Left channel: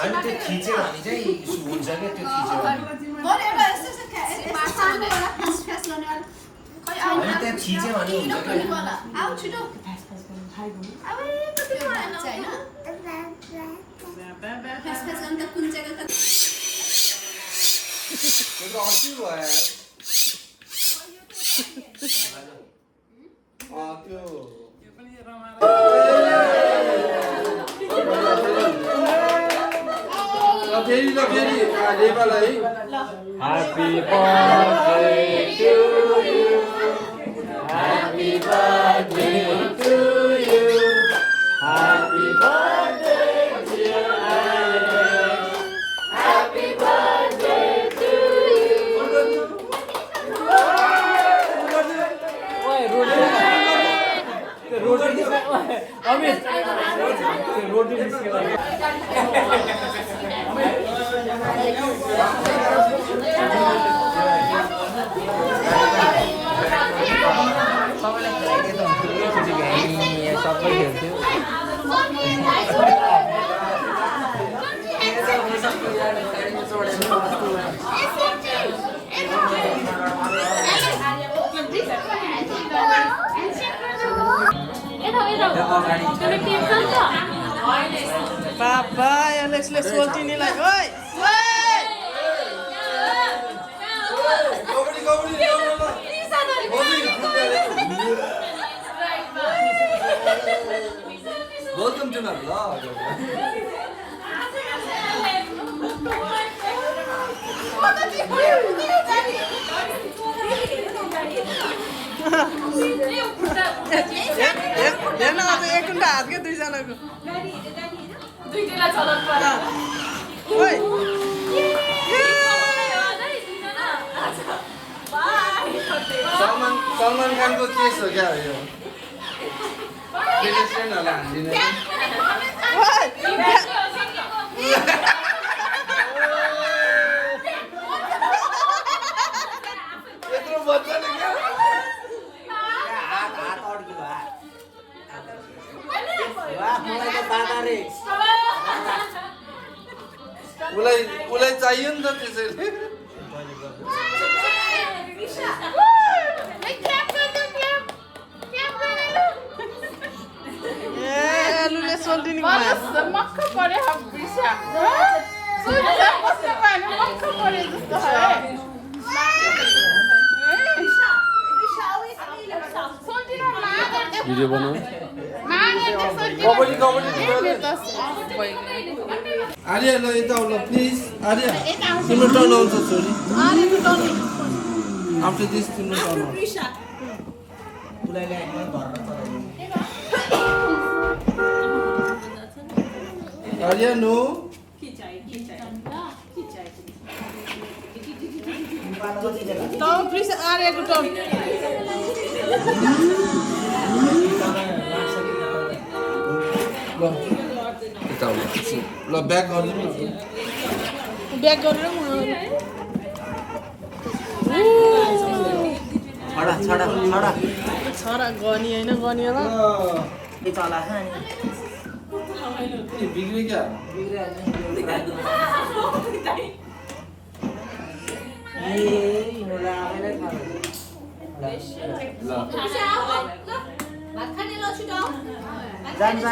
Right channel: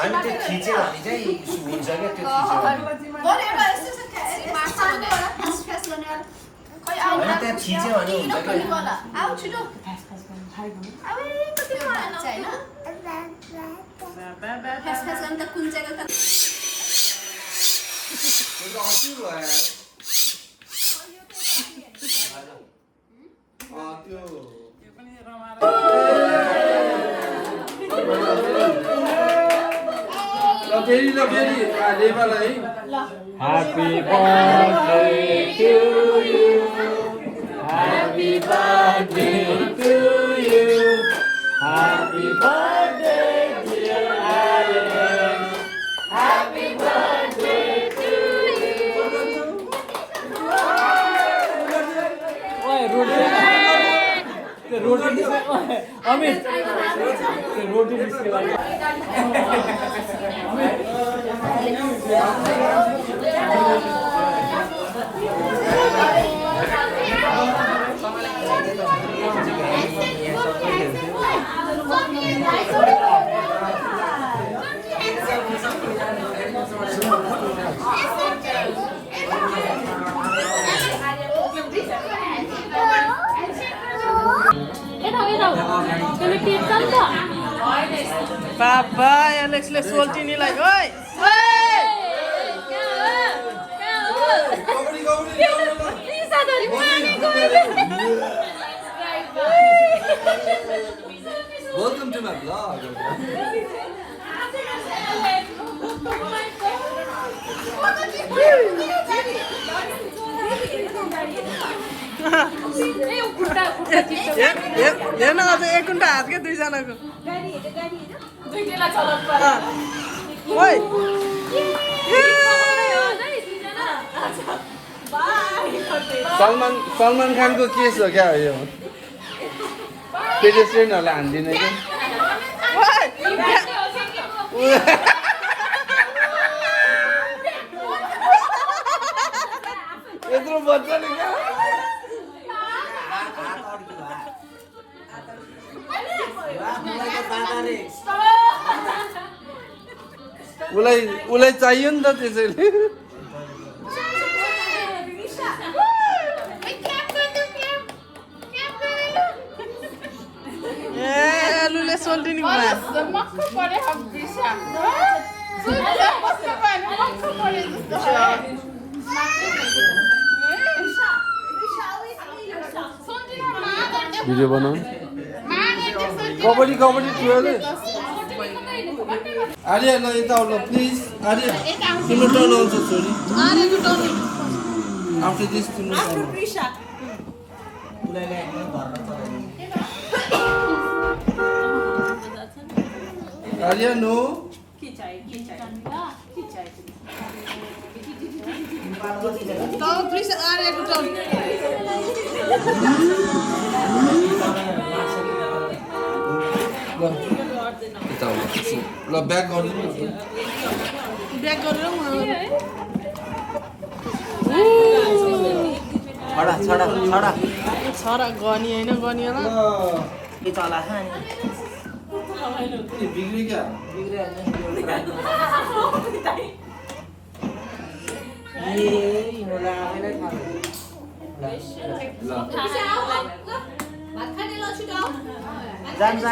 अनि त्यो थिच्यो भने चाहिँ हुन्छ क्या त्यो थिच्यो अनि त्यहाँ थिच्यो भने हुन्छ फेरि नेपाल है Happy birthday to you. Happy birthday to you. Happy birthday dear Alex. Happy birthday to you. Oi, roti. Amit, roti biscuit lagi. Papa, Alexले सोल्टिनीलाई ओइ ओइ Welcome to my vlog. हेर्न अझ एक घन्टा हात क्या दुईजनाको ओइ सलमान खानको केस हो क्या यो पेडेस्ट्रियनहरूलाई हानिदिने यत्रो मजाले क्या उसलाई चाहियो नि त त्यसैले ए लुले सोल्टिनी घुमायो भिडियो बनाऊ आर्या ल यता आउनु प्लिज आर्या तिम्रो टर्न आउँछ छोरी आफ्टर दिस तिम्रो टर्न आर्या नो आर्याको टर्न ल ब्याक गरिदिनु ब्याक गरेर छडा गनी होइन गनी होला बिग्रियो क्या जान्छ